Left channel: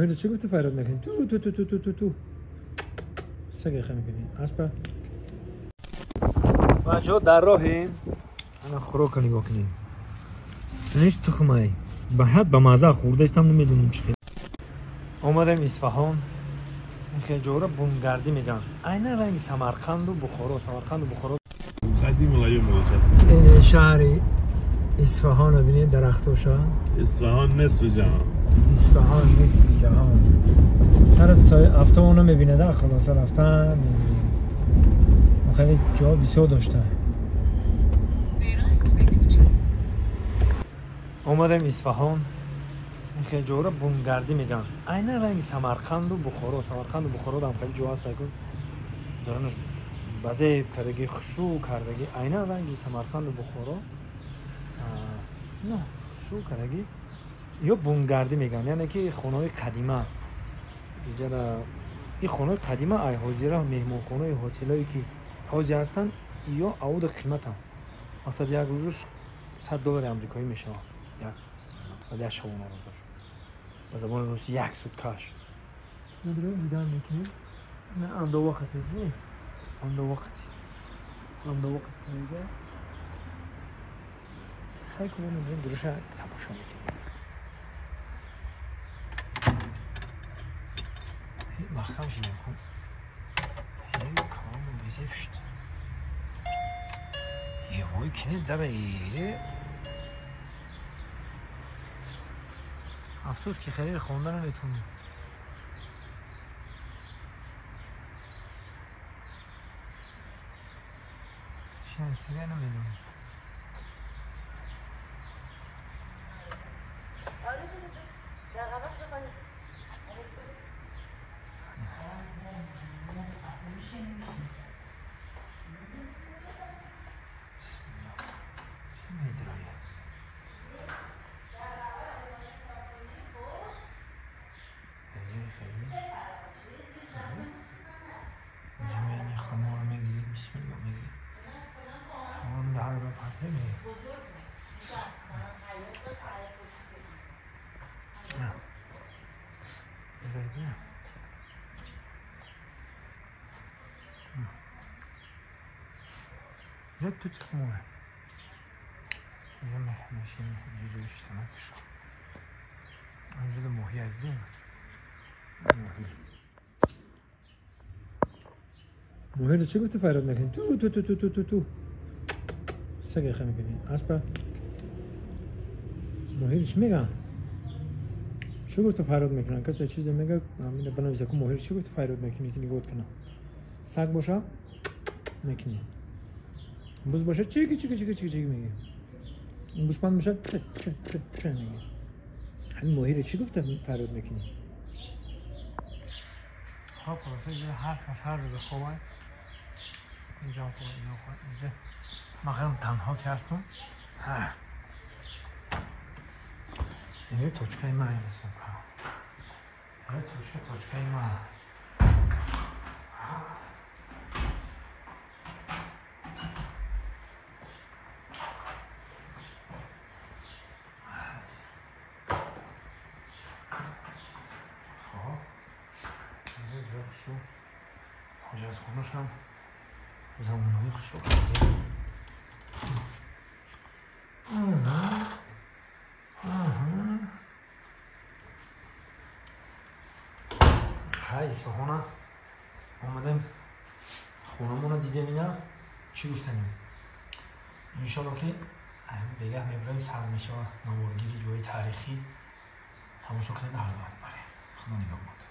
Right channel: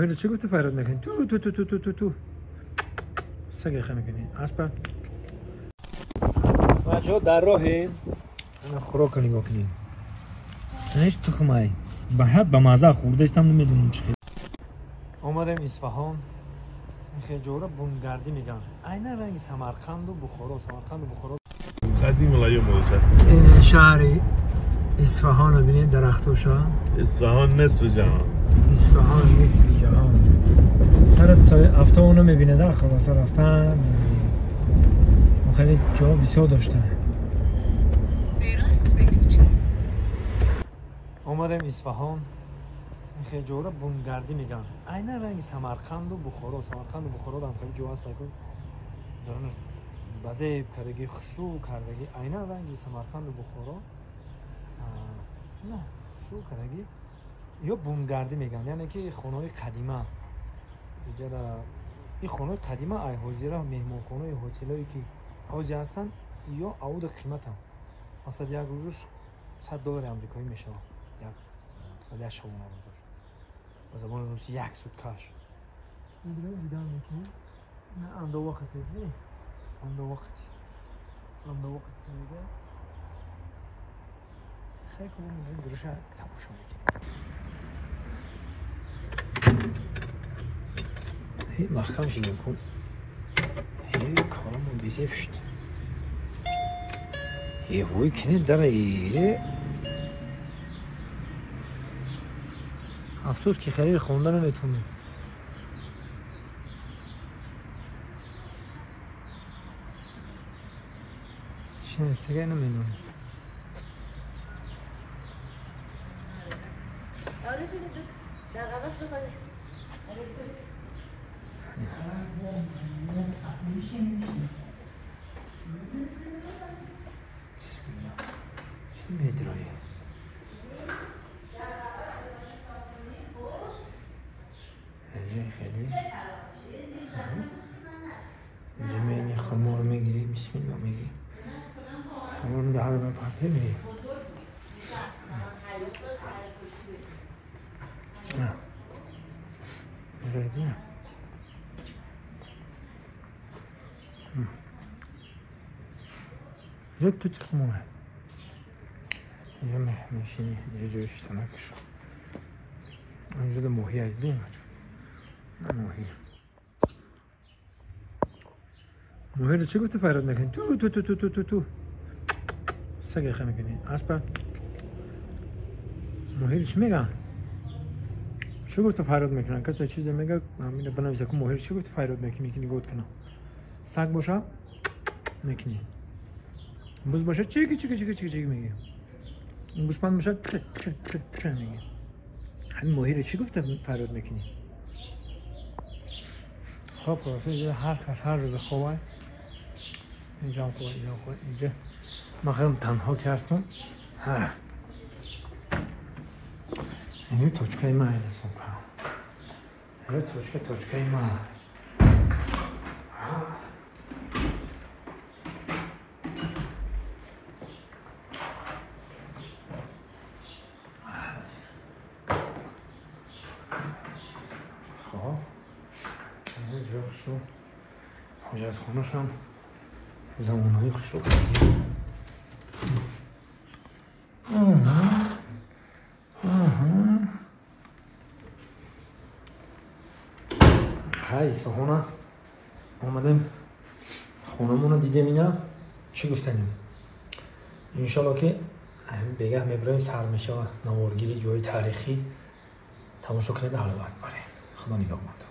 میره چی گفته فراد میکنی؟ تو سگه خه میکنی؟ اسبا بچه‌ها در راهیم انا خوراک نگاه کنیم اینش تخمه به مزه خورده استم نمیدونم چی آمدیم اصفهان این خیلی جورا بومگردی میگن عین رنگ سمرقند و بخارا قدیم الایام موزه این شهر اصفهان رو ببینید درختوشا اصفهان نصف جهان اصفهان نصف جهان سرت سای افتا اونو میبینه داخل سر افتا خیلی جا بسیار داشته آمدیم اصفهان این خیلی جورا بومگردی میگن عین رنگ سمرقند و بخارا هم خیلی جا هست کن دارنش بعضی کردگی خشو کردگی عین رنگی سمرقند و بخارا نه خشو کردگی یا بومگردی میگن یعنی که خانه‌های قدیمه اینجا در این خانه‌های قدیمه ای حاضره مهمان خانه هتلایی که حاضر هستن یا عود قیمت هم مثلا یک روزش $100 آمریکایی میشه یک مثلا شبانه روزش با زبان روسی یک سود کاش نداره دیدن میکنی نه اندو وقتی نه اندو وقتی میگه خیلی کنم نمیدونم دروش تماشا میکنی هی محکم شدیم کن هی کارمون بیزیف شد یه هوی کنید داره یه افسوس که خیلی خوندن رو نتونیم چه سگه نمیدونم میدرایی اینجا خیلی اینجا میگه خمار میگیری بسم الله میگی خمار میگه هر بار پرته میگی نه میگه اینجا تو تخمونه اینجا میشینی اینجا جویش سمکش اینجا ده موهی هایدیم موهی رو چه گفته فراد میکنی؟ تو سگه خه میکنی؟ اسبا موهی رو چی میگن؟ چه گفته فراد میکنن؟ کسی چیزی میگه همینه بنویسه که موهی رو چه گفته فراد میکنی گفت کنم سگ باشه میکنی بوز باشه چیکی میگه بوسپند باشه میگه همین موهی رو چی گفته فراد میکنی؟ خب اینجا هر رو بخواه اینجا هم خواه اینجا ما خیلی تنها کردم اینجا توچکه ما هست اینجا توچکه ما اینجا از خونش هم زمانهایی خوش رو های سهونه آمدیم خونمون رو دیدیم اینا چی گفتنیم انشالله که بگه میبریم سرمشه و نوارگیری جای تاریخی تماشا کنید حال باید بره خدا نگاه ماند